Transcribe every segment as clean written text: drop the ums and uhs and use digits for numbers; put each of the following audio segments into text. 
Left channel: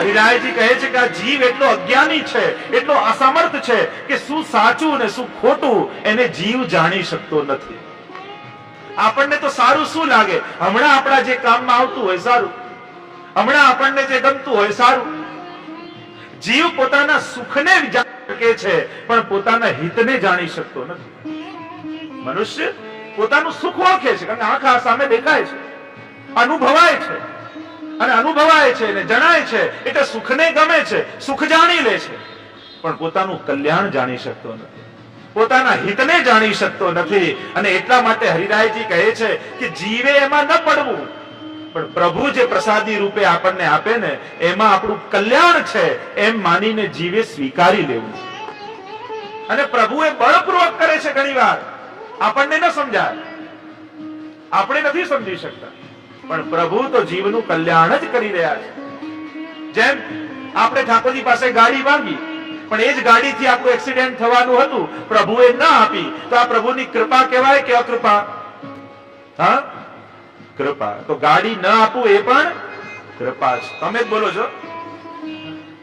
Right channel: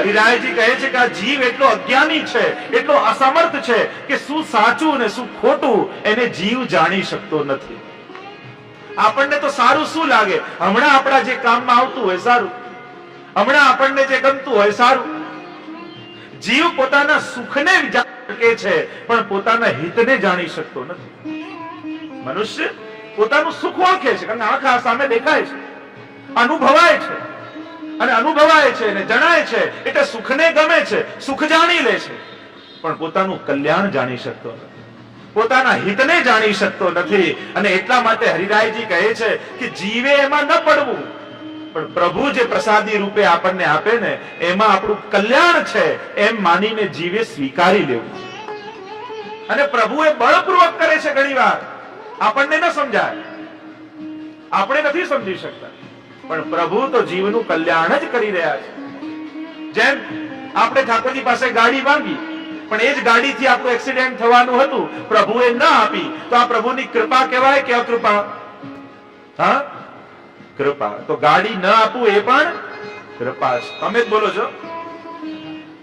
હરિરાયજી કહે છે કે આ જીવ એટલો અજ્ઞાની છે, એટલો અસમર્થ છે કે શું સાચું ને શું ખોટું એને જીવ જાણી શકતો નથી. આપણને તો સારું શું લાગે? હમણાં આપણા જે કામમાં આવતું હોય સારું, હમણાં આપણને જે ગમતું હોય સારું. જીવ પોતાના સુખને જાણી શકે છે પણ પોતાના હિતને જાણી શકતો નથી. મનુષ્ય પોતાનું સુખ ઓળખે છે કારણ કે આંખ સામે દેખાય છે, અનુભવાય છે, અને અનુભવાય છે અને જણાય છે એટલે સુખને ગમે છે, સુખ જાણી લે છે, પણ પોતાનું કલ્યાણ જાણી શકતો નથી, પોતાના હિતને જાણી શકતો નથી. અને એટલા માટે હરિરાયજી કહે છે કે જીવે એમાં ન પડવું, પણ પ્રભુ જે પ્રસાદી રૂપે આપણને આપે ને એમાં આપણું કલ્યાણ છે એમ માનીને જીવે સ્વીકારી લેવું. અને પ્રભુ એ બળપૂર્વક કરે છે. ઘણી વાર આપણને ન સમજાય, આપણે નથી સમજી શકતા, પણ પ્રભુ તો જીવનું કલ્યાણ જ કરી રહ્યા છે. જેમ આપણે ઠાકોરજી પાસે ગાડી માંગી, પણ એ જ ગાડીથી આપણું એક્સિડન્ટ થવાનું હતું, પ્રભુએ ન આપી, તો આ પ્રભુની કૃપા કહેવાય કે અકૃપા? હા, કૃપા. તો ગાડી ન આપવું એ પણ કૃપા છે. તમે જ બોલો છો.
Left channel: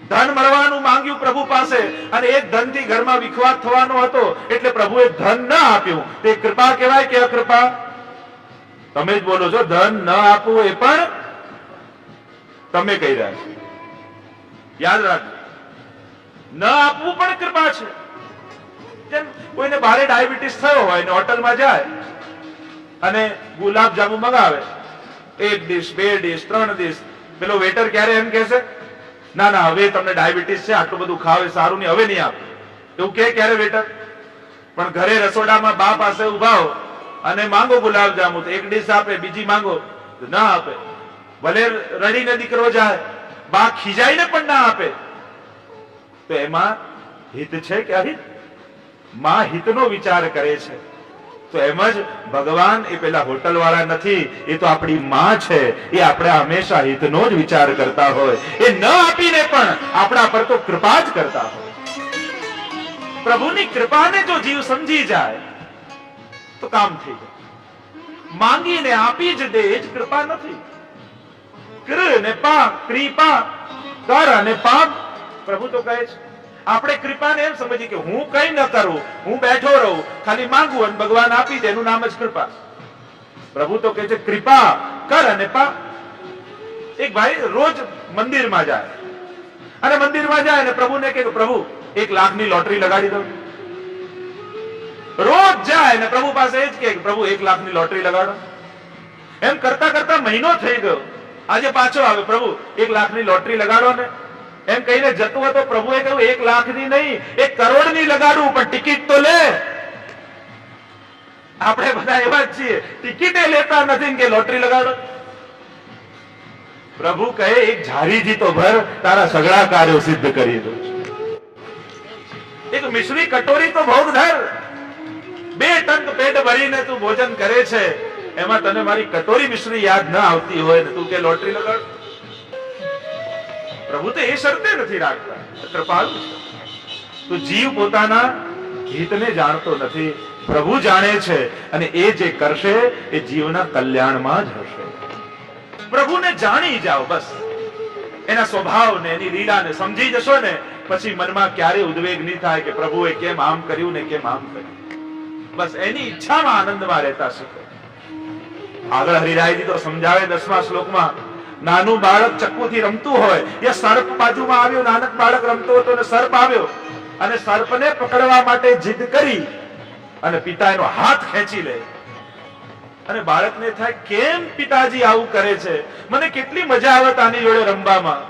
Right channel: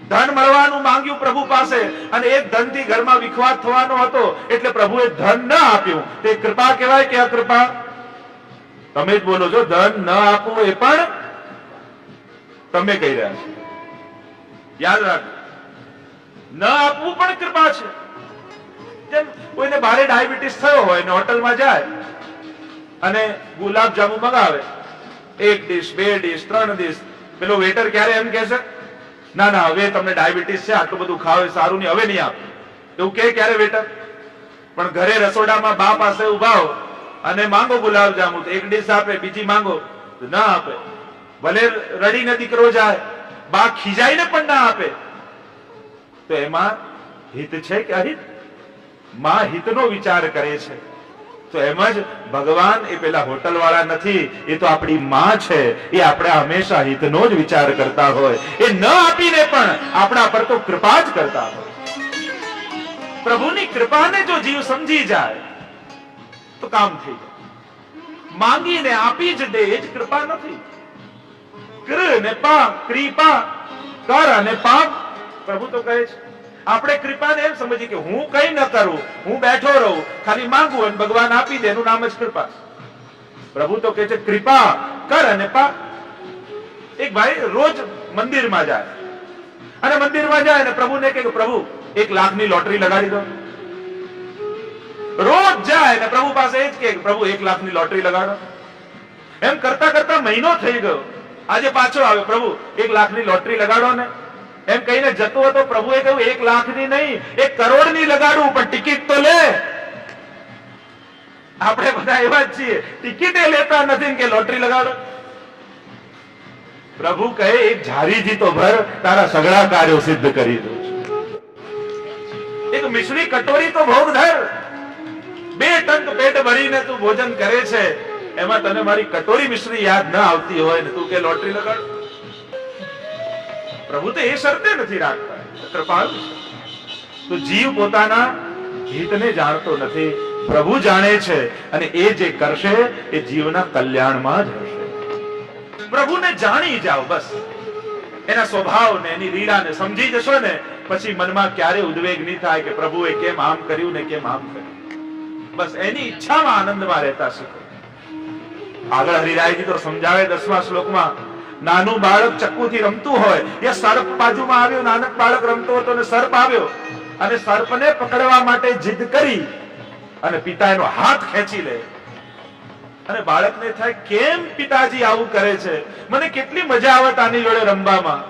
ધન મળવાનું માંગ્યું પ્રભુ પાસે અને એ ધનથી ઘરમાં વિખવાદ થવાનો હતો એટલે પ્રભુએ ધન ન આપ્યું, તે કૃપા કહેવાય કે અકૃપા? તમે જ બોલો છો. ધન ન આપવું એ પણ તમે કહી રહ્યા છો. યાદ રાખજો, ન આપવું પણ કૃપા છે. જેમ કોઈને ભારે ડાયાબિટીસ થયો હોય ને હોટલમાં જાય અને ગુલાબ જાંબુ મગાવે, 1 ડીશ 2 ડીશ 3 ડીશ, પેલો વેટર ક્યારે એમ કહેશે ના ના હવે તમને ડાયાબિટીસ છે, આટલું બધું ખાવ એ સારું નહીં, હવે નહીં આપે, એવું કે ક્યારે વેટર? પણ ઘરે રસોડામાં બા પાસે ઉભા હો અને માંગો ગુલાબ જાંબુ, તો 1 ડીશ આપે, બીજી માંગો તો ના આપે. ભલે રડીને દીકરો જાય, બા ખીજાઈને પણ ના આપે, તો એમાં હિત છે કે અહિત? માં હિતનો વિચાર કરે છે. તો એમ જ ભગવાન એ પેલા હોટલ વાળા નથી, એ તો આપણી માં છે. એ આપણે હંમેશા હિતનો જ વિચાર કરતા હોય, એ ન આપીને પણ આપણા પર તો કૃપા જ કરતા હોય. પ્રભુની કૃપાને જો જીવ સમજી જાય તો કામ થઈ જાય. માંગીને આપી જ દે એ જ કૃપા નથી. કૃ ને પા, કૃપા, કર અને પાપ. પ્રભુ તો કહે છે આપણે કૃપાને એમ સમજીએ કે હું કઈ ન કરું, હું બેઠો રહું, ખાલી માંગુ અને ભગવાન આપી દે, એનું નામ જ કૃપા. પ્રભુ તો કહે છે કૃપા કર અને પા. એક ભાઈ રોજ મંદિરમાં જાય અને મંદિરમાં જાય અને પ્રભુને કહે કે પ્રભુ 1 લાખની લોટરી લગાડી દો. રોજ જાય અને પ્રભુ પાસે એ જ કે પ્રભુ 1 લાખની લોટરી લગાડો. એમ કરતા કરતા મહિનો થઈ ગયો. આજે પાછો આવે, પ્રભુ 1 લાખની લોટરી લગાડો ને. એમ કહીને જતો હતો. પ્રભુએ કહ્યું 1 લાખની નહીં, 1 કરોડની લગાડું, પણ ટિકિટ તો લે. આપણે બધા એવા જ છીએ, ટિકિટે લેતા નથી કે લોટરી લગાડો. પ્રભુ કહે 1 ઝારીથી તો ભર, તારા સગળા કાર્યો સિદ્ધ કરી દઉં છું. 1 મિશ્રી કટોરી તો ભોગ ધર, 2 ટંક પેટ ભરીને તું ભોજન કરે છે, એમાં તને મારી કટોરી મિશ્રી યાદ ન આવતી હોય ને તું કે લોટરી લગાડ. પ્રભુ તો એ શરતે નથી રાખતા, કૃપાળુ છે. તો જીવ પોતાના હિતને જાણતો નથી, પ્રભુ જાણે છે, અને એ જે કરશે એ જીવના કલ્યાણમાં જ હશે. પ્રભુને જાણી જાઓ, બસ એના સ્વભાવને એની લીલાને સમજી જશો ને પછી મનમાં ક્યારે ઉદ્વેગ નહીં થાય કે પ્રભુએ કેમ આમ કર્યું ને કેમ આમ કર્યું. બસ એની ઈચ્છામાં આનંદમાં રહેતા શીખો. આગળ હરિરાયજી તો સમજાવે 10મા શ્લોકમાં, નાનું બાળક ચક્કુથી રમતું હોય, એ સર્પ બાજુમાં આવ્યો, નાનક બાળક રમતો હતો ને સર્પ આવ્યો અને સર્પને પકડવા માટે જીદ કરી અને પિતા એનો હાથ ખેંચી લે અને બાળકને થાય કેમ પિતાજી આવું કરે છે, મને કેટલી મજા આવત આની જોડે રમવામાં.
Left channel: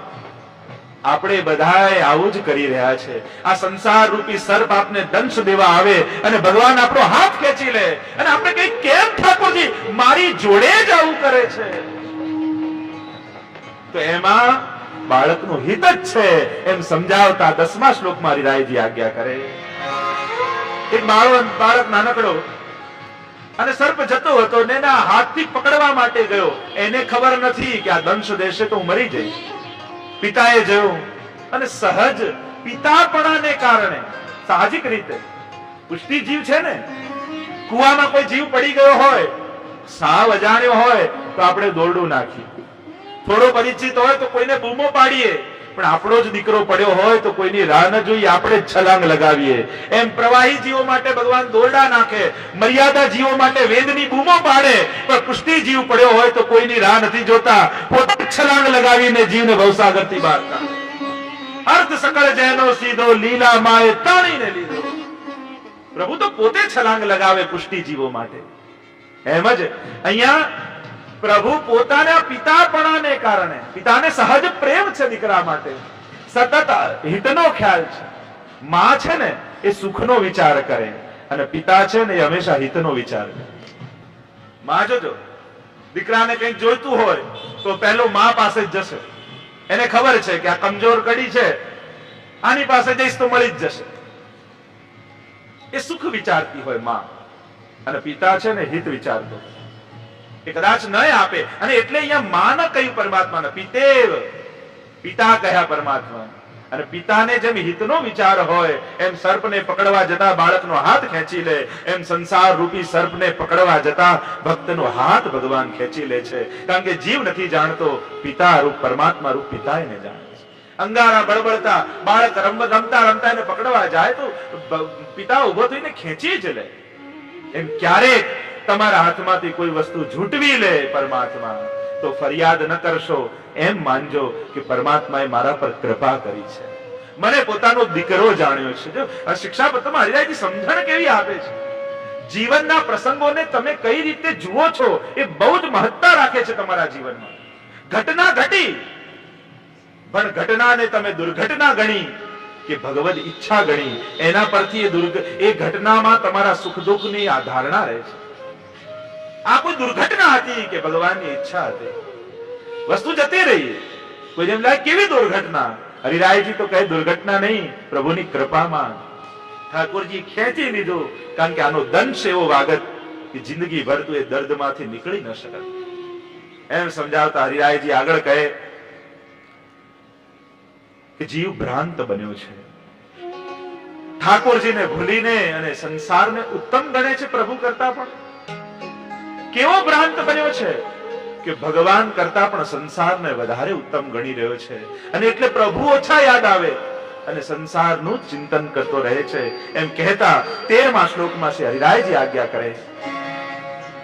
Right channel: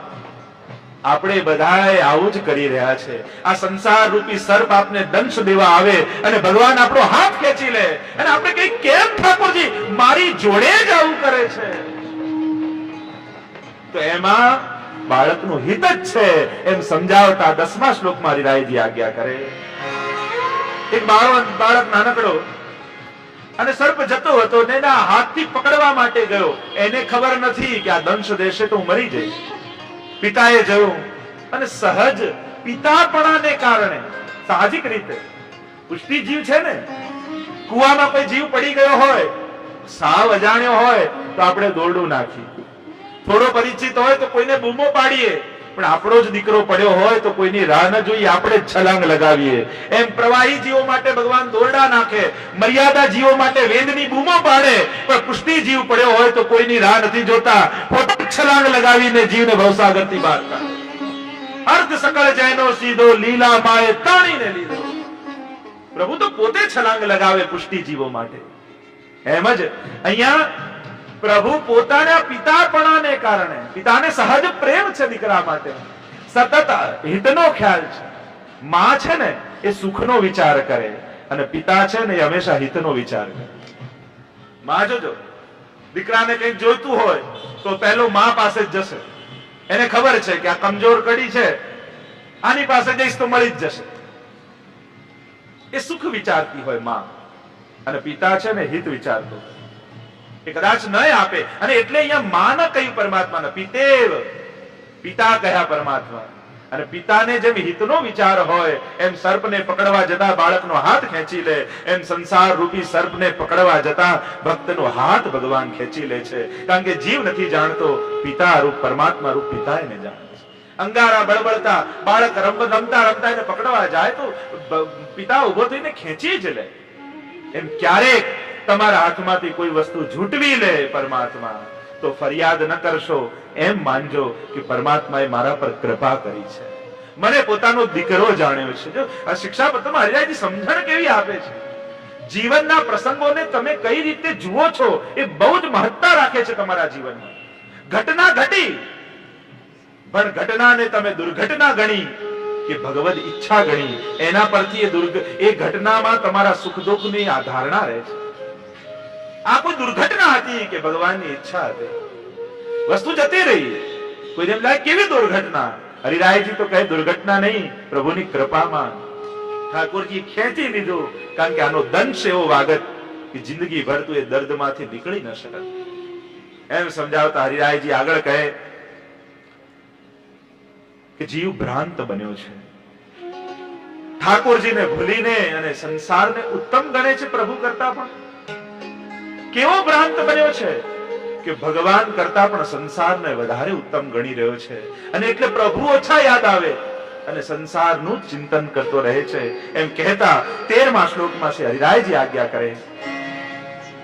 આપણે બધાએ આવું જ કરી રહ્યા છે. આ સંસાર રૂપી સર્પ આપને દંશ દેવા આવે અને ભગવાન આપણો હાથ ખેંચી લે અને આપણે કઈ કેમ ઠાકોરજી મારી જોડે જ આવું કરે છે. તો એમાં બાળકનું હિત જ છે એમ સમજાવતા 10મા શ્લોકમાં હરિરાયજી આજ્ઞા કરે. એક બાળક નાનકડો અને સર્પ જતો હતો ને એના હાથથી પકડવા માટે ગયો. એને ખબર નથી કે આ દંશ દેશે તો હું મરી જઈશ. પિતાએ જોયું અને સહજ પિતાપણાને કારણે સાહજિક રીતે, પુષ્ટિ જીવ છે ને, કુવામાં કોઈ જીવ પડી ગયો હોય, સાવ અજાણ્યો હોય તો આપણે દોરડું નાખીએ, થોડો પરિચિત હોય તો કોઈને બૂમો પાડીએ પણ આપણો જ દીકરો પડ્યો હોય તો કોઈની રાહ ન જોઈએ, આપણે જ છલાંગ લગાવીએ. એમ પ્રવાહી જીવો માટે ભગવાન દોરડા નાખે, મર્યાદા જીવો માટે વેદની બૂમો પાડે, પણ પુષ્ટિ જીવ પડ્યો હોય તો કોઈની રાહ નથી જોતા, પોતે છલાંગ લગાવીને જીવને ભવસાગરથી બહાર કાઢે. અર્ધ સકળ જૈનો સીધો લીલા માએ તાણીને લીધો. પ્રભુ તો પોતે છલાંગ લગાવે પુષ્ટિ જીવો માટે. એમ જ અહીંયા પ્રભુ પોતાના પિતાપણાને કારણે, પિતાને સહજ પ્રેમ છે દીકરા માટે, સતત હિતનો ખ્યાલ છે. માં છે ને એ સુખનો વિચાર કરે અને પિતા છે ને એ હંમેશા હિતનો વિચાર કરે. માં જોજો, દીકરાને કંઈક જોઈતું હોય તો પહેલો માં પાસે જ જશે. એને ખબર છે કે આ કમજોર કડી છે, આની પાસે જઈશ તો મળી જ જશે. એ સુખ વિચારતી હોય માં, અને પિતા છે ને હિત વિચારતો, એ કદાચ ન આપે. અને એટલે અહીંયા માં ન કહ્યું પરમાત્માને, પિતેવ, પિતા કહ્યા પરમાત્મા. અને પિતાને જેમ હિતનો વિચાર હોય એમ સર્પને પકડવા જતા બાળકનો હાથ ખેંચી લે, એમ સંસાર રૂપી સર્પને પકડવા જતા ભક્તનો હાથ ભગવાન ખેંચી લે છે. કારણ કે જીવ નથી જાણતો, પિતા રૂપ પરમાત્મા રૂપ પિતા એને જાણે છે. અંગારા બળબળતા બાળક રમતા રમતા એને પકડવા જાય તો પિતા ઉભો થઈને ખેંચી જ લે. એમ ક્યારેક તમારા હાથમાંથી કોઈ વસ્તુ ઝૂંટવી લે પરમાત્મા તો ફરિયાદ ન કરશો, એમ માનજો કે પરમાત્માએ મારા પર કૃપા કરી છે, મને પોતાનો દીકરો જાણ્યો છે. જો આ શિક્ષાપત્રમાં હરિરાયજી સમજણ કેવી આપે છે, જીવનના પ્રસંગોને તમે કઈ રીતે જુઓ છો એ બહુ જ મહત્તા રાખે છે તમારા જીવનમાં. ઘટના ઘટી, પણ ઘટનાને તમે દુર્ઘટના ગણી કે ભગવદ ઈચ્છા ગણી, એના પરથી એ ઘટનામાં તમારા સુખ દુઃખની આ ધારણા રહે છે. આ કોઈ દુર્ઘટના હતી કે ભગવાનની ઈચ્છા હતી? વસ્તુ જતી રહી, કોઈને એમ લાગે કેવી દુર્ઘટના? હરિરાયજી તો કહે દુર્ઘટના નહીં, પ્રભુની કૃપામાં ઠાકોરજી ખેંચી લીધું. કારણ કે આનો દંશ એવો વાગત કે જિંદગી ભર તું એ દર્દમાંથી નીકળી ન શકત. એમ સમજાવતા હરિરાયજી આગળ કહે કે જીવ ભ્રાંત બન્યો છે, ઠાકોરજીને ભૂલીને અને સંસારને ઉત્તમ ગણે છે પ્રભુ કરતા પણ. કેવો ભ્રાંત બન્યો છે કે ભગવાન કરતા પણ સંસારને વધારે ઉત્તમ ગણી રહ્યો છે, અને એટલે પ્રભુ ઓછા યાદ આવે અને સંસારનું ચિંતન કરતો રહે છે. એમ કહેતા 13મા શ્લોકમાં શ્રી હરિરાયજી આજ્ઞા કરે,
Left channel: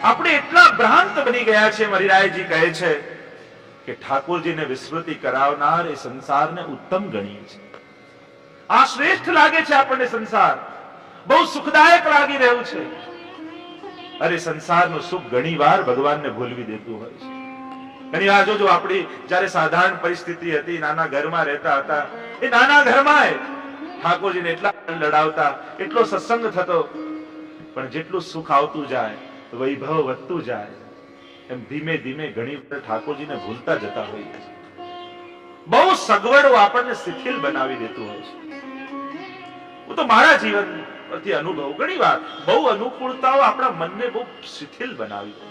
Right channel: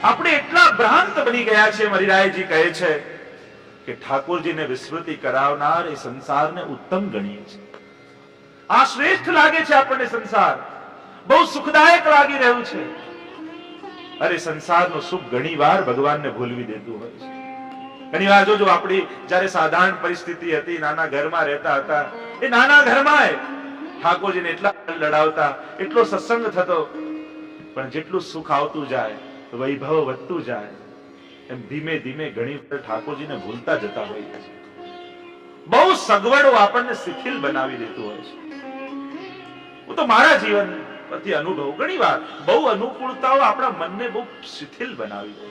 આપણે એટલા ભ્રાંત બની ગયા છે, હરિરાયજી કહે છે કે ઠાકોરજીને વિસ્મૃતિ કરાવનાર એ સંસારને ઉત્તમ ગણીએ છે. આ શ્રેષ્ઠ લાગે છે આપણને, સંસાર બહુ સુખદાયક લાગી રહ્યું છે. અરે સંસારનું સુખ ઘણી વાર ભગવાનને ભૂલવી દેતું હોય છે. ઘણી વાર જોજો, આપણી જયારે સાધારણ પરિસ્થિતિ હતી, નાના ઘરમાં રહેતા હતા, એ નાના ઘરમાં ઠાકોરજીને એટલા લડાવતા, એટલો સત્સંગ થતો, પણ જેટલું સુખ આવતું જાય, વૈભવ વધતું જાય, એમ ધીમે ધીમે ઘણી વાર ઠાકોરજીને ભૂલતા જતા હોઈએ છીએ. બહુ સગવડો આપણને શિથિલ બનાવી દેતું હોય છે. હું તો મારા જીવન પરથી અનુભવ, ઘણી વાર બહુ અનુકૂળતાઓ આપણા મનને બહુ શિથિલ બનાવી દે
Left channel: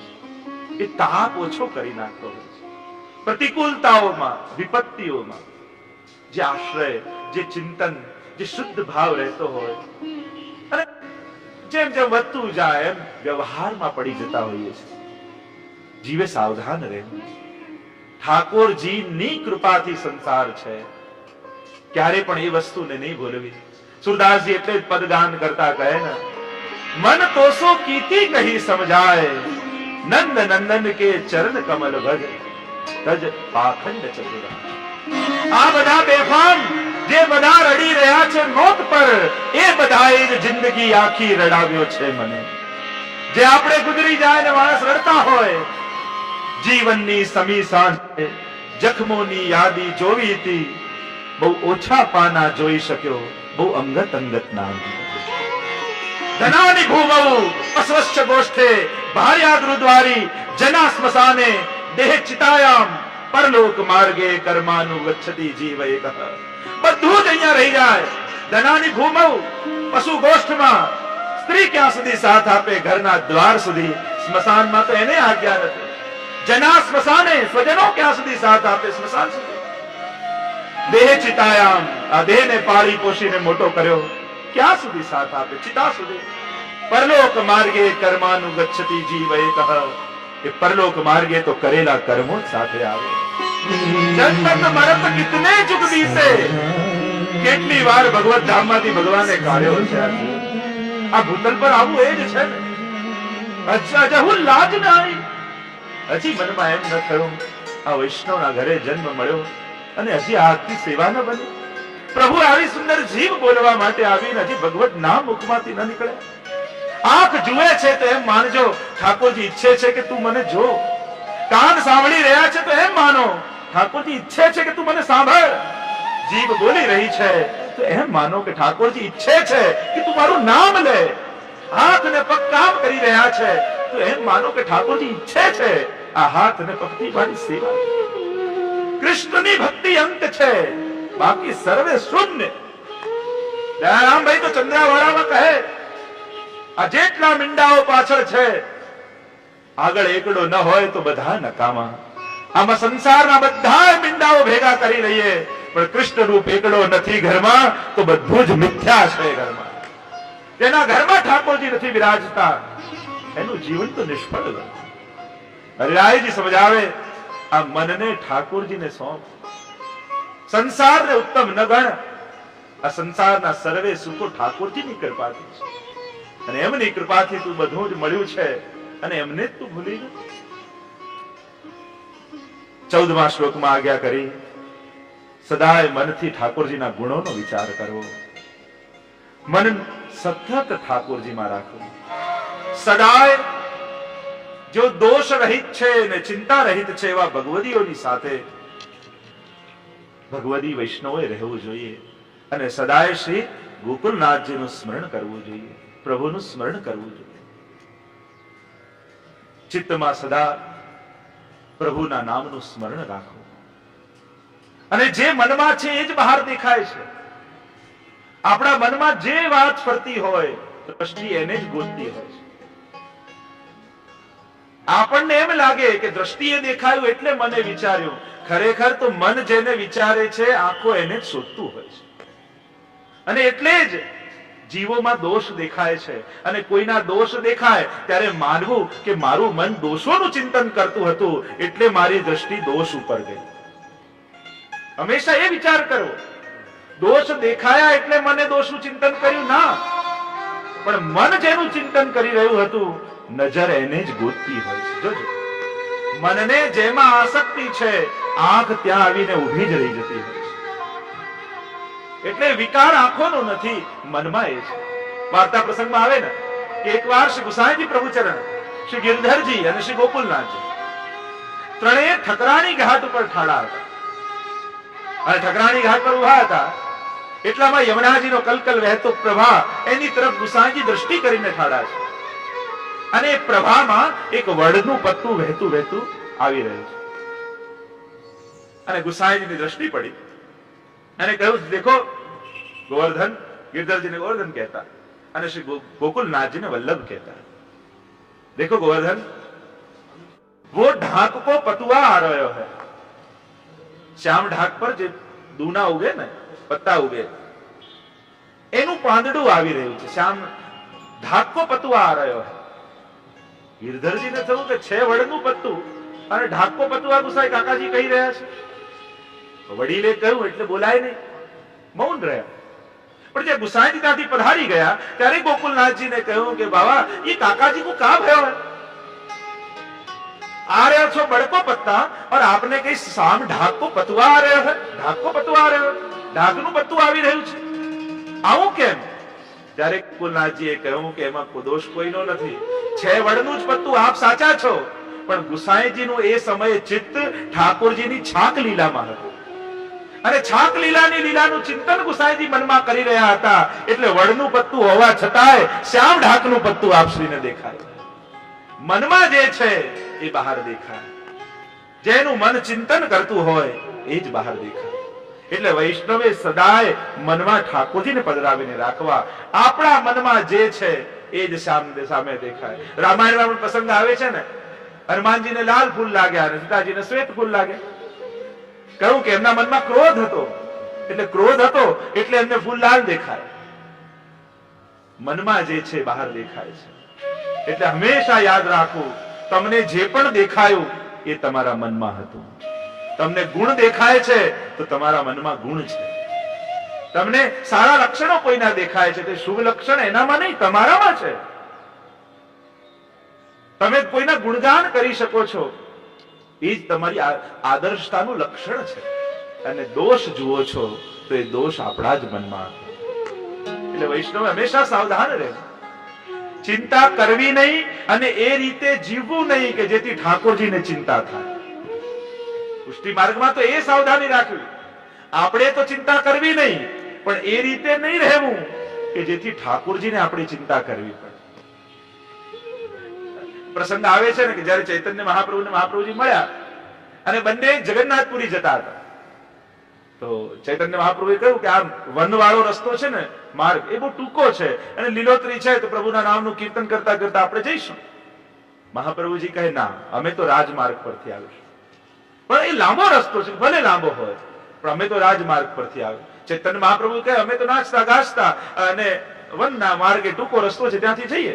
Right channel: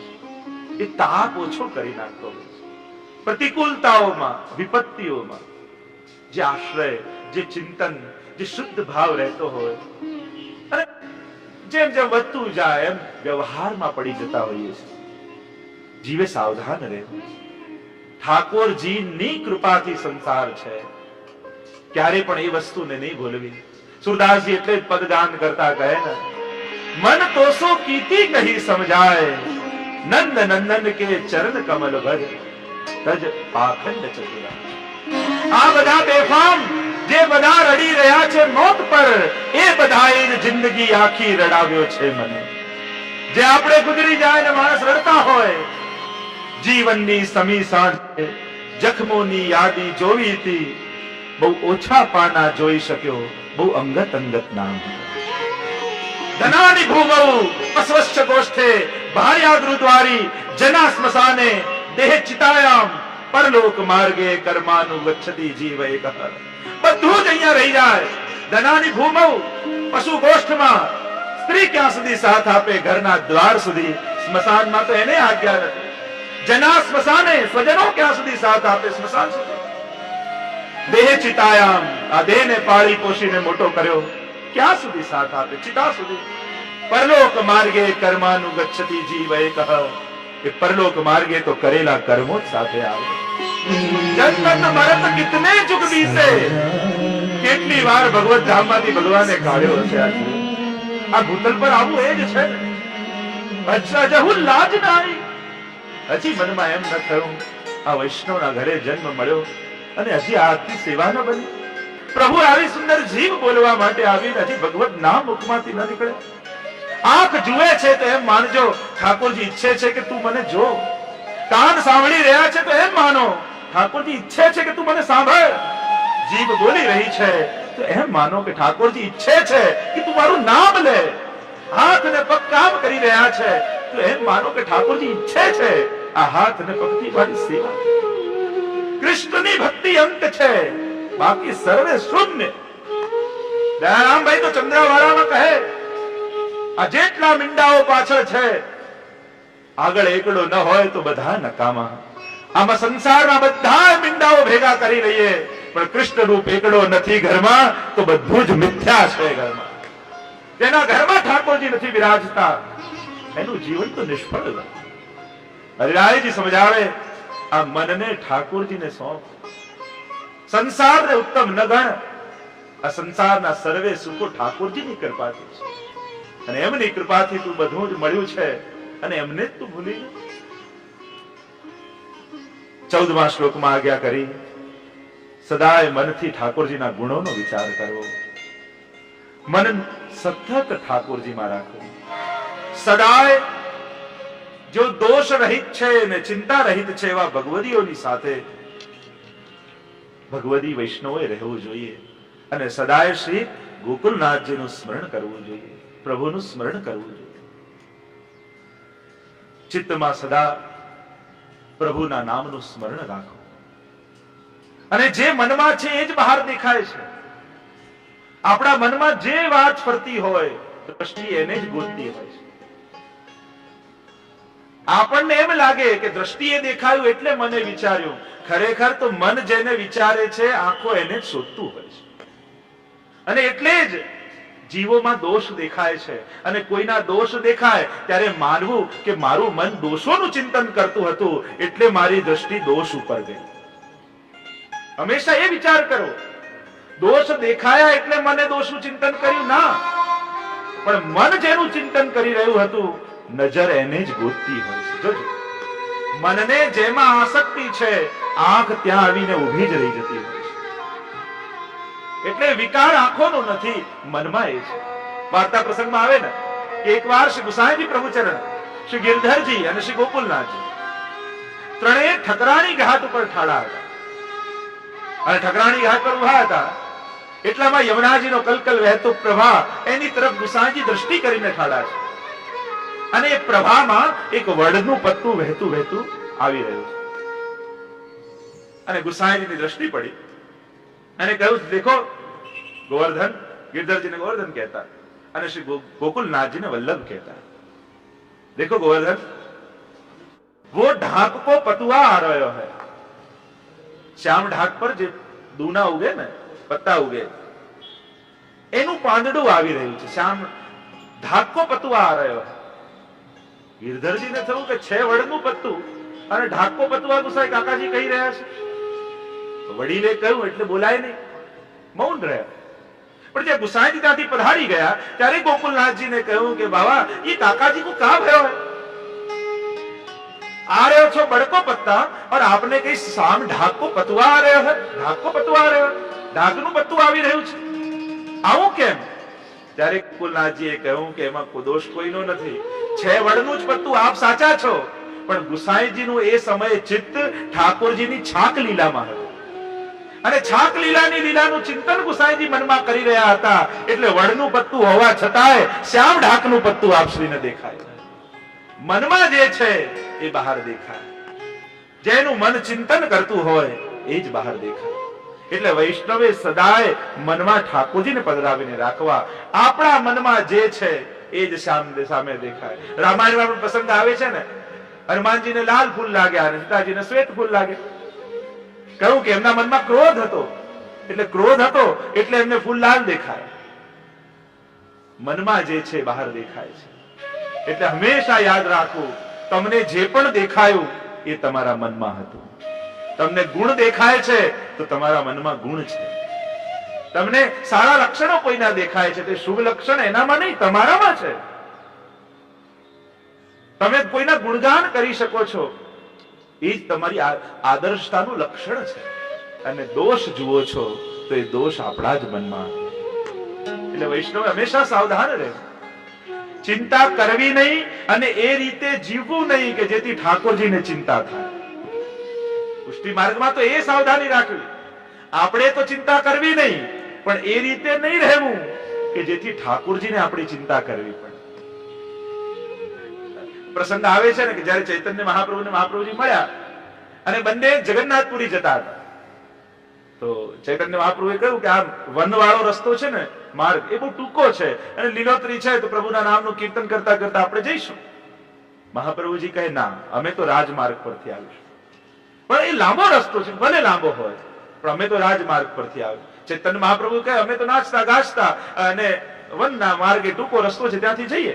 છે, એ તાપ ઓછો કરી નાખતો હોય છે. પ્રતિકૂળતાઓમાં, વિપત્તિઓમાં જે આશ્રય, જે ચિંતન, જે શુદ્ધ ભાવ રહેતો હોય, અને જેમ જેમ વધતું જાય એમ વ્યવહારમાં પડી જતા હોઈએ છીએ. જીવે સાવધાન રહેવું. ઠાકોરજીની કૃપાથી સંસાર છે, ક્યારે પણ એ વસ્તુને નહીં ભૂલવી. સુરદાસજી એટલે જ પદગાન કરતા કહે ને, મન તોસો કીતી કહી સમજાય, નંદ નંદન કે ચરણ કમલ ભજ, તજ પાખંડ ચતુરા. આ બધા બેફામ જે બધા રડી રહ્યા છે મોત પર, એ બધાએ જ જિંદગી આખી રડાવ્યો છે મને. જે આપણે ગુજરી જાય ને માણસ રડતા હોય, જીવનની સમી સાંજે જખમોની યાદી જોવી હતી, બહુ ઓછા પાના જોઈ શક્યો, બહુ અંગત અંગત નામ. ધનાની ભૂમૌ અસ્વચ્છ ગોષ્ઠે ભાર્યા ગૃદ્વારી, જના સ્મશાને દેહ ચિતાયામ, પરલોક માર્ગે કર્માનું ગચ્છતિ જીવ એક. બધું જ અહીંયા રહી જાય. ધનાની ભૂમૌ, પશુ ગોષ્ઠમાં સ્ત્રી ક્યાં સુધી સાથ આપે, ઘરના દ્વાર સુધી. સ્મશાનમાં તો એને આજ્ઞા નથી. જના સ્મશાને, સ્વજનો ક્યાં સુધી સાથ આપે, સ્મશાન સુધી. દેહ ચિતાયામ, આ દેહને પાળી પોષીને મોટો કર્યો, ક્યાં સુધી સાથ આપે, ચિતા સુધી. પરલોક માર્ગે કર્માનું ગચ્છતિ જીવ એક. એ પરલોક માર્ગે તો કરેલા કર્મો જ સાથે આવે. જન્મત મરત કિતને ચુક બીતે, કેટલી વાર ભગવત ધામમાંથી ભગવાને કાઢ્યો છે. આ ભૂતલ પર આવું એ જ છે ને. અચ્છા જહુ લાજ ના આવી, હજી મનમાં એમ ન થયું આ વૈષ્ણવના ઘરે જન્મ મળ્યો અને હજી આરતી સેવા ન બની. પ્રભુ આવી સુંદર જીવ બોલવા માટે આવીને હજી ભગવત નામ મુખમાંથી ન નીકળે. આંખ જુએ છે તો એમ માનજો ઠાકોરજી ઈચ્છે છે કે તું મને જો. કાન સાંભળી રહ્યા છે તો એમ માનો ઠાકોરજી ઈચ્છે છે કે તું મને સાંભળ. જીભ બોલી રહી છે તો એમ માનો કે ઠાકોરજી ઈચ્છે છે કે તું મારું નામ લે. હાથ ને પગ કામ કરી રહ્યા છે તો એમ માનો કે ઠાકોરજી ઈચ્છે છે આ હાથ ને પગથી મારી સેવા. કૃષ્ણની ભક્તિ અંત છે, બાકી સર્વે શૂન્ય. દયારામભાઈ તો ચંદ્રાવાળામાં કહે આ જેટલા મીંડાઓ પાછળ છે આગળ એકડો ન હોય તો બધા નકામા. આમાં સંસારના બધા મીંડાઓ ભેગા કરી લઈએ પણ કૃષ્ણ રૂપ એકડો નથી ઘરમાં તો બધું જ મિથ્યા છે. ઘરમાં તેના ઘરમાં ઠાકોરજી નથી બિરાજતા એનું જીવન તો નિષ્ફળ. હરિરાયજી સમજાવે આ મનને ઠાકોરજીને સોંપ. સંસારને ઉત્તમ ન ગણ. આ સંસારના સર્વે સુખો ઠાકોરજીની કૃપાથી છે અને એમની કૃપાથી તું બધું જ મળ્યું છે અને એમને જ તું ભૂલી ગયો. 14મા શ્લોકમાં આજ્ઞા કરી સદાય મનથી ઠાકોરજીના ગુણોનો વિચાર કરવો. મન સતત ઠાકોરજીમાં રાખવું. સદાય જો દોષ રહિત છે ને ચિંતા રહિત છે એવા ભગવદીઓની સાથે ભગવદી વૈષ્ણવોએ રહેવું જોઈએ અને સદાય શ્રી ગોકુલનાથજીનું સ્મરણ કરવું જોઈએ, પ્રભુનું સ્મરણ કરવું જોઈએ. ચિત્તમાં સદા પ્રભુના નામનું સ્મરણ રાખો અને જે મનમાં છે એ જ બહાર દેખાય છે. આપણા મનમાં જે વાત ફરતી હોય દ્રષ્ટિ એને જ ગોતતી હોય છે. આપણને એમ લાગે કે દ્રષ્ટિએ દેખાયું એટલે મને વિચાર્યું, ખરેખર તો મન જેને વિચારે છે આંખો એને જ શોધતું હોય છે. અને એટલે જ જીવોમાં દોષ દેખાય છે અને કોઈના દોષ દેખાય ત્યારે માનવું કે મારું મન દોષોનું ચિંતન કરતું હતું એટલે મારી દ્રષ્ટિ દોષ ઉપર ગઈ. હંમેશા એ વિચાર કરો દોષ દેખાયા એટલે મને દોષનું ચિંતન કર્યું ના, પણ મન જેનું ચિંતન કરી રહ્યું હતું નજર એને જ ગોતતી હોય છે. જોજો મનને જેમાં આસક્તિ છે આંખ ત્યાં આવીને ઊભી જ રહી જતી હોય છે. એટલે વિકાર આંખોનો નથી મનમાં એ છે. વાર્તા પ્રસંગમાં આવે ને કે એકવાર શ્રી ગુસાઈજી પ્રભુચરણ, શ્રી ગિરધરજી અને શ્રી ગોકુલનાથજી ત્રણેય ઠકરાણી ઘાટ ઉપર ઠાડા હતા અને ઠકરાણી ઘાટ પર ઉભા હતા એટલામાં યમુનાજીનો કલકલ વહેતો પ્રવાહ એની તરફ ગુસાઈજી દ્રષ્ટિ કરીને ઠાડા છે અને એ પ્રવાહમાં એક વડનું પત્તું વહેતું વહેતું આવી રહ્યું છે અને ગુસાઈજીની દ્રષ્ટિ પડી અને કહ્યું દેખો ગોવર્ધન. गिरधरजीને गोवर्धन कहता અને શ્રી गोकुलनाथजीને वल्लभ कहता. देखो गोवर्धन, वो ढाक को पतुआ आ रहा है. श्याम ढाक पर જે દૂના ઉગે ને પત્તા ઉગે એનું પાંદડું આવી રહ્યું છે. શ્યામ ઢાક કો પતુઆ આ રહ્યો है. गिरधरजीને થયું કે છે વડનું પત્તું અને ઢાક કો પતુઆ ગુસાઈ કાકાજી કહી રહ્યા છે. વડીલે કહ્યું એટલે બોલાય નહીં, મૌન રહ્યા. પણ જે ગુસાઈજી ત્યાંથી પધારી ગયા ત્યારે ગોકુલનાથજીને કહ્યું કે બાબા ये काकाजी को कहा भयो है, आ रहे हो बड़को पत्ता और आपने कही शाम ढाक को पतुआ आ रहे है. ढाक को पतुआ आ रहे हो, ઢાકનું પત્તું આવી રહ્યું છે, આવું કેમ? ત્યારે ગોકુલનાથજીએ કહ્યું કે એમાં કોઈ દોષ કોઈનો નથી, છે વડનું જ પત્તું, આપ સાચા છો. પણ ગુસાઈજીનું એ સમયે ચિત્ત ઠાકોરજીની છાક લીલામાં હતું અને છાક લીલાની લીલાનું ચિંતન ગુસાઈજી મનમાં કરી રહ્યા હતા એટલે વડનું પત્તું હોવા છતાંય શ્યામ ઢાકનું પત્તું આપશ્રીને દેખાય. મનમાં જે છે એ બહાર દેખાય. જેનું મન ચિંતન કરતું હોય એ જ બહાર દેખાય. એટલે વૈષ્ણવે સદાય મનમાં ઠાકોરજીને પધરાવીને રાખવા. આપણા મનમાં જે છે એ જ સામે દેખાય. રામાયણમાં પણ પ્રસંગ આવે છે ને, હનુમાનજીને લાલ ફૂલ લાગ્યા અને સીતાજીને શ્વેત ફૂલ લાગ્યા. કહ્યું કે એમના મનમાં ક્રોધ હતો એટલે એમને ફૂલ લાલ દેખાય. મનમાં જે છે બહાર દેખાય છે. એટલે હંમેશા યાદ રાખવું તમને જે પણ દેખાયું એ તમારા મનમાં હતું. તમને ગુણ દેખાય છે તો તમારા મનમાં ગુણ છે. તમને સારા લક્ષણો કોઈના દેખાય છે તે શુભ લક્ષણ એનામાં નહીં, તમારામાં છે. તમે કોઈના ગુણગાન કરી શકો છો, એ જ તમારી આદર્શતાનું લક્ષણ છે. અને દોષ જુઓ છો તો એ દોષ આપણા જ મનમાં. એટલે વૈષ્ણવ હંમેશા સાવધાન રહે, ચિંતા કરવી નહીં અને એ રીતે જીવવું નહીં કે જેથી ઠાકોરજીને ચિંતા થાય. પુષ્ટિ માર્ગમાં તો એ સાવધાની રાખવી, આપણે તો ચિંતા કરવી નહીં, પણ એ રીતે નહીં રહેવું કે જેથી ઠાકોરજીને આપણી ચિંતા કરવી પડે. પ્રસંગ આવે છે ને કે જયારે ચૈતન્ય મહાપ્રભુને મહાપ્રભુજી મળ્યા અને બંને જગન્નાથપુરી જતા હતા, તો ચૈતન્ય મહાપ્રભુએ કહ્યું કે આ વનવાળો રસ્તો છે ને, માર્ગ એ બહુ ટૂંકો છે અને લીલોતરી છે, તો પ્રભુના નામનું કીર્તન કરતા કરતા આપણે જઈશું. મહાપ્રભુજી કહે ના, અમે તો રાજમાર્ગ પરથી આવીશું. પણ એ લાંબો રસ્તો છે, ભલે લાંબો હોય પણ અમે તો રાજમાર્ગ પરથી આવ્યું. ચૈતન્ય મહાપ્રભુ કહે અમે તો નાચતા ગાજતા અને વનના માર્ગે ટૂંકો રસ્તો છે ત્યાંથી જઈએ.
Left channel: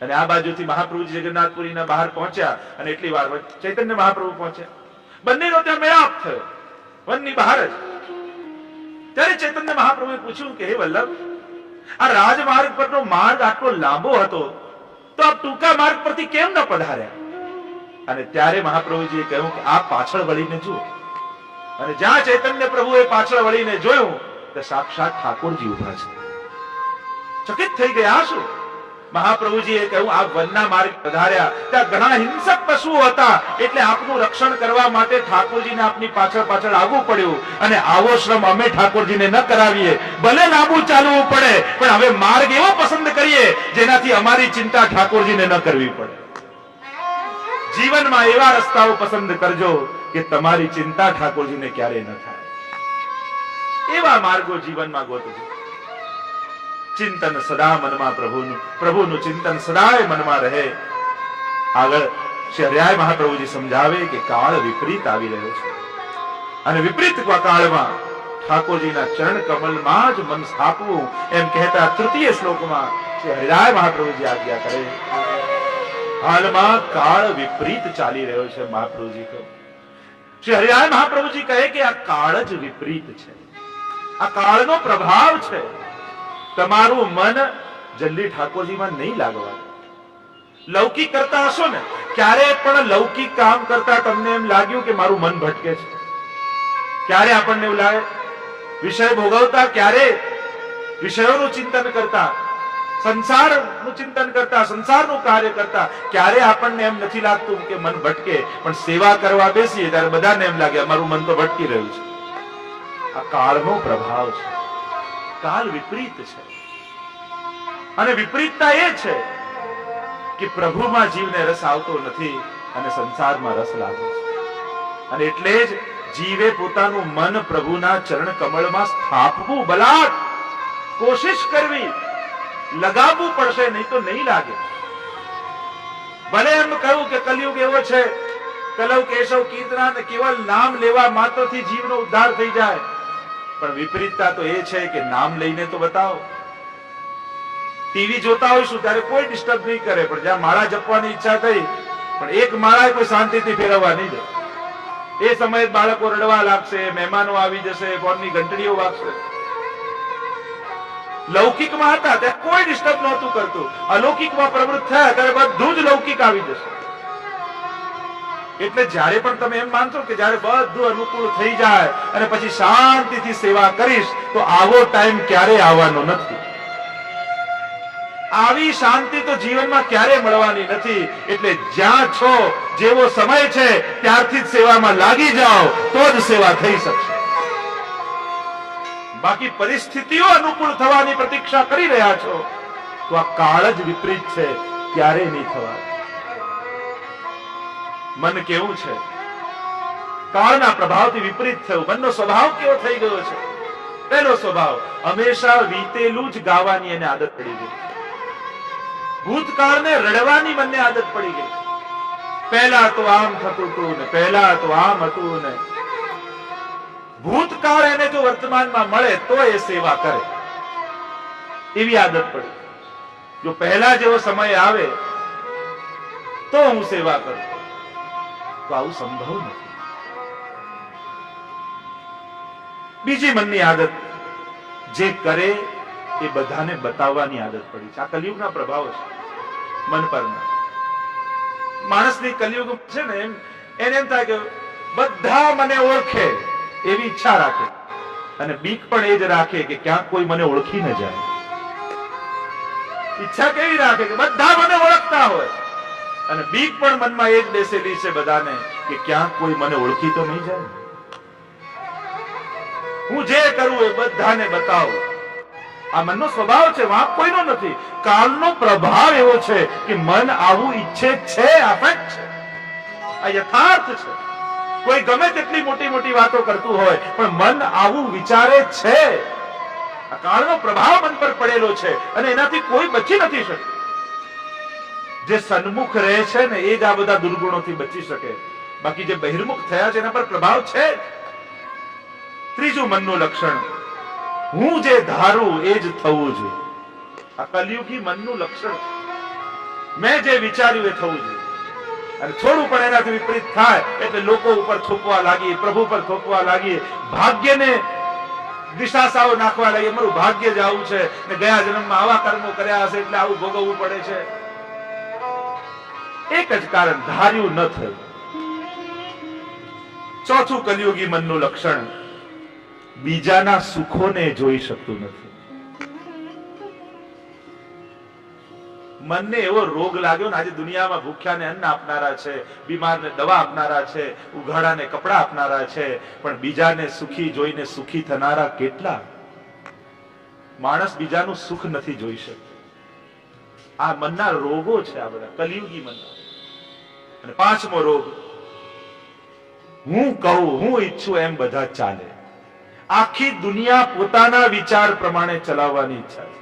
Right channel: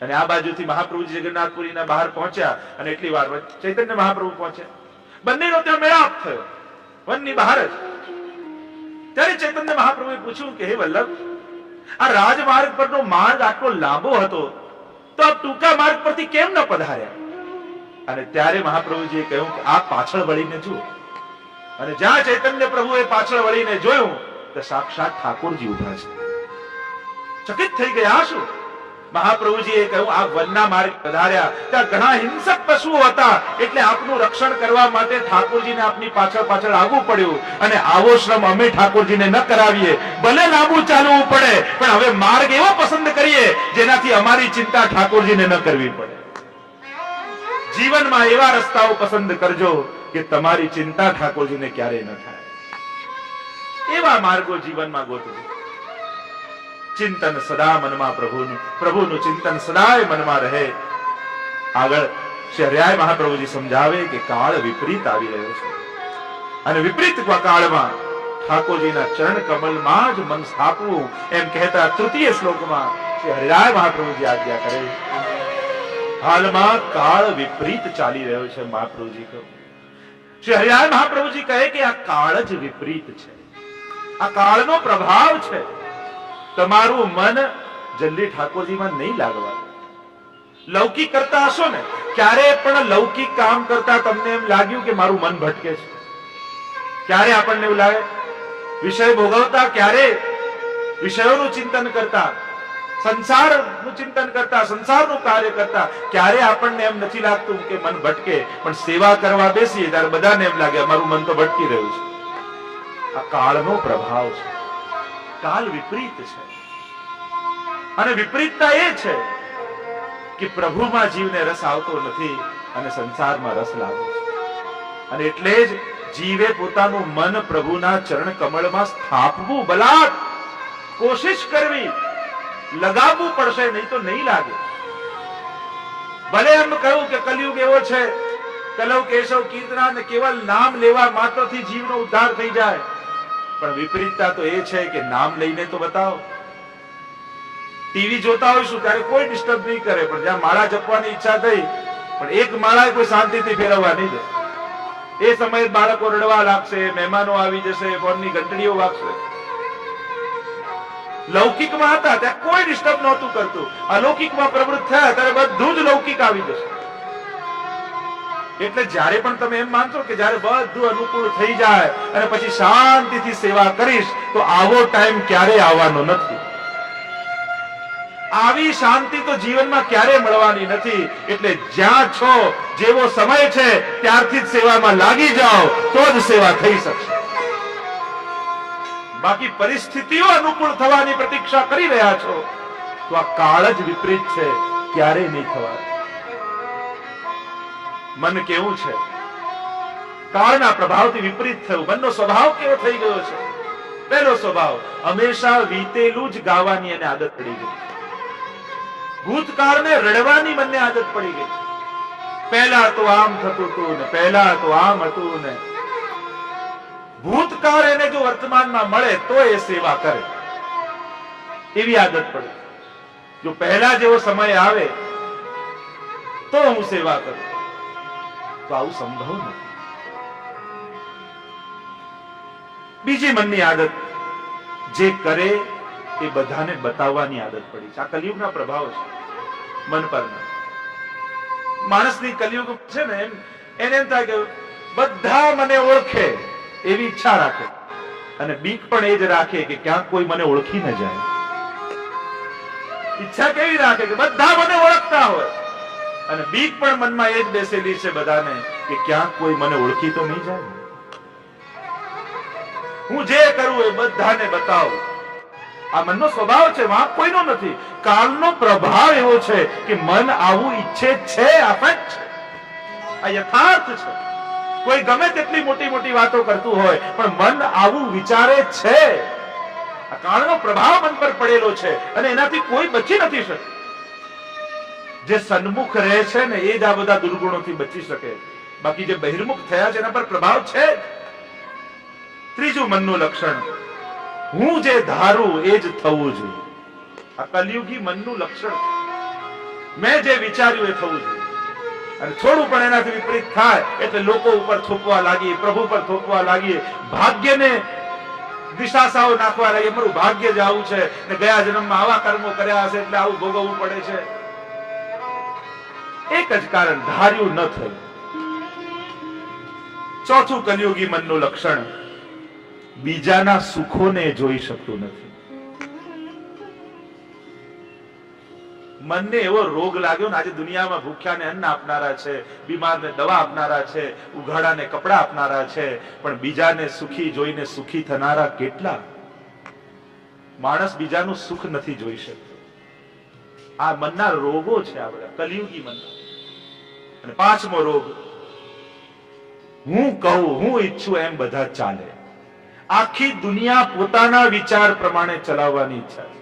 અને આ બાજુથી મહાપ્રભુજી જગન્નાથપુરીના બહાર પહોંચ્યા અને એટલી વાર ચૈતન્ય મહાપ્રભુ પહોંચ્યા. બંનેનો ત્યાં મેળાપ થયો વનની બહાર જ. ત્યારે ચૈતન્ય મહાપ્રભુએ પૂછ્યું કે હે વલ્લભ, આ રાજમાર્ગ પરનો માર્ગ આટલો લાંબો હતો તો આપ ટૂંકા માર્ગ પરથી કેમ ન પધાર્યા? અને ત્યારે મહાપ્રભુજીએ કહ્યું કે આપ પાછળ વળીને જુઓ. અને જ્યાં ચૈતન્ય પ્રભુએ પાછળ વળીને જોયું તો સાક્ષાત ઠાકોરજી ઉભા છે. ચકિત થઈ ગયા. શું? મહાપ્રભુજીએ કહ્યું આ વનના માર્ગ પધાર્યા, ત્યાં ઘણા હિંસક પશુઓ હતા, એટલે આપનું રક્ષણ કરવા માટે ઠાકોરજીને આપની પાછળ પાછળ આવવું પડ્યું. અને આવો શ્રમ અમે ઠાકોરજીને ન કરાવીએ, ભલે લાંબુ ચાલવું પડે, પણ હવે માર્ગ એવો પસંદ કરીએ જેનાથી અમારી ચિંતા ઠાકોરજીને ન કરવી પડે. જીવનમાં એવા રસ્તાઓ પસંદ કરજો કે તમારી ચિંતા ઠાકોરજીને ક્યારેય ન થાય. એવા માર્ગો જીવનમાં ગોતજો. ચિંતન સદા મનમાં પ્રભુનું ચિંતન સદાય મનમાં રહે. આગળ શ્રી હરિરાય મહાપ્રભુજી સમજાવે કે કાળ વિપરીત આવી રહ્યો છે અને વિપરીત કાળમાં ઠાકોરજીના ચરણ કમલમાં જ મન સ્થાપવું, એમ કહેતા તૃતીય શ્લોકમાં શ્રી હરિરાય મહાપ્રભુજી આજ્ઞા કરે. હાલમાં કાળ વિપરીત ચાલી રહ્યો છે. મહાપ્રભુજી કહે, શ્રી હરિરાય મહાપ્રભુજી કહે કે આ કાળ જ વિપરીત છે, આ કાળનો પ્રભાવ છે. તમારું મન જલ્દી ઠાકોરજીમાં નહીં લાગવા. લૌકિક કરતા હશો ને, ક્યારે પણ લૌકિક કામ કરતા તમને એમ લાગ્યું કે મારું મન ભટકે છે? ક્યારે આપણને એવું લાગે? વિષય ભોગવતા, ક્યારે વિષયોનું ચિંતન કરતા, સંસારનું ચિંતન કરતા, સંસારનું કાર્ય કરતા, ક્યારે આપણને એમ નથી લાગતું કે મન ભટકે? પણ સેવા કરવા બેસીએ ત્યારે બધાને એમ લાગે અમારું મન તો ભટકી રહ્યું છે. આ કાળનો પ્રભાવ છે. કાલ વિપરીત છે અને વિપરીતતા એ છે કે પ્રભુમાં જીવને રસ આવતો નથી અને સંસારમાં રસ લાગે છે. અને એટલે જ જીવે પોતાનું મન પ્રભુના ચરણ કમળમાં સ્થાપવું, બલાત કોશિશ કરવી, લગાવવું પડશે, નહીં તો નહીં લાગે. ભલે એમ કહ્યું કે કલયુગ એવો છે, કલવ કેશવ કીર્તના ને કેવલ નામ લેવા માત્રથી જીવનો ઉદ્ધાર થઈ જાય, પણ વિપરીતતા તો એ છે કે નામ લઈને તો બતાવો. ટીવી જોતા હોઈશું ત્યારે કોઈ ડિસ્ટર્બ નહીં કરે, પણ જ્યાં માળા જપવાની ઈચ્છા થઈ પણ એક માળા કોઈ શાંતિથી ફેરવવા નહીં દે. એ સમયે બાળકો રડવા લાગશે, મહેમાનો આવી જશે, ફોનની ઘંટડીઓ વાગશે. લૌકિકમાં હતા ત્યારે કોઈ ડિસ્ટર્બ નહોતું કરતું, અલૌકિકમાં પ્રવૃત્ત થયા ત્યારે બધું જ લૌકિક આવી જશે. એટલે જ્યારે પણ તમે એમ માનશો કે જ્યારે બધું અનુકૂળ થઈ જાય અને પછી શાંતિથી સેવા કરીશ, તો આવો ટાઈમ ક્યારે આવવાનો નથી. આવી શાંતિ તો જીવનમાં ક્યારે મળવાની નથી. એટલે જ્યાં છો, જેવો સમય છે ત્યારથી જ સેવામાં લાગી જાઓ, તો જ સેવા થઈ શકશે. બાકી પરિસ્થિતિઓ અનુકૂળ થવાની પ્રતીક્ષા કરી રહ્યા છો તો આ કાળ જ વિપરીત છે, ક્યારેય નહીં થવાનું. મન કેવું છે? કાળના પ્રભાવથી વિપરીત થયું. મનનો સ્વભાવ કેવો થઈ ગયો છે? પહેલો સ્વભાવ, હંમેશા વીતેલું જ ગાવાની એને આદત પડી ગઈ. ભૂતકાળને રડવાની મનને આદત પડી ગઈ. પહેલા તો આમ થતું હતું ને, પહેલા તો આમ હતું ને. ભૂતકાળ એને જો વર્તમાનમાં મળે તો એ સેવા કરે, એવી આદત પડી. જો પહેલા જેવો સમય આવે તો હું સેવા કરું, તો આવું સંભવ નથી. બીજી મનની આદત, જે કરે એ બધાને બતાવવાની આદત પડી છે. આ કલિયુગના પ્રભાવ છે મન પરના. માણસની કલિયુગ છે ને, એને એમ થાય કે બધા મને ઓળખે એવી ઈચ્છા રાખે, અને બીક પણ એ જ રાખે કે ક્યાંક કોઈ મને ઓળખી ન જાય. ઈચ્છા કેવી રાખે કે બધા મને ઓળખતા હોય, અને બીક પણ મનમાં એ જ બેસેલી છે બધાને કે ક્યાંક કોઈ મને ઓળખી તો નહીં જાય. હું જે કરું એ બધાને બતાવું. આ મનનો સ્વભાવ છે, વાંક કોઈનો નથી. કાલનો પ્રભાવ એવો છે કે મન આવું ઈચ્છે છે. આ ફેક્ટ છે, આ યથાર્થ છે. કોઈ ગમે તેટલી મોટી મોટી વાતો કરતું હોય, પણ મન આવું વિચારે છે. આ કાળનો પ્રભાવ મન પર પડેલો છે, અને એનાથી કોઈ બચી નથી શકતું. જે સન્મુખ રહે છે ને એ જ આ બધા દુર્ગુણોથી બચી શકે. બાકી જે બહિર્મુખ થયા છે એના પર પ્રભાવ છે જ. ત્રીજું મનનું લક્ષણ, હું જે ધારું એ જ થવું જોઈએ. આ કલિયુગી મનનું લક્ષણ છે. મેં જે વિચાર્યું એ થવું જોઈએ, અને થોડું પણ એનાથી વિપરીત થાય એટલે લોકો ઉપર થોપવા લાગીએ, પ્રભુ પર થોપવા લાગીએ, ભાગ્યને દિશાસાઓ નાખવા લાગીએ. મારું ભાગ્ય જ આવું છે ને ગયા જન્મમાં આવા કર્મો કર્યા હશે એટલે આવું ભોગવવું પડે છે. એક જ કારણ, ધાર્યું ન થયું. ચોથું કલિયુગી મનનું લક્ષણ, બીજાના સુખોને જોઈ શકતું નથી. મનને એવો રોગ લાગ્યો ને, આજે દુનિયામાં ભૂખ્યાને અન્ન આપનારા છે, બીમારને દવા આપનારા છે, ઉઘાડાને કપડા આપનારા છે, પણ બીજાને સુખી જોઈને સુખી થનારા કેટલા? માણસ બીજાનું સુખ નથી જોઈ શકતો. આ મનના રોગો છે, આ બધા કલિયુગી મનના. અને પાંચમો રોગ, હું કહું, હું ઈચ્છું એમ બધા ચાલે. આખી દુનિયા પોતાના વિચાર પ્રમાણે ચલાવવાની ઈચ્છા છે.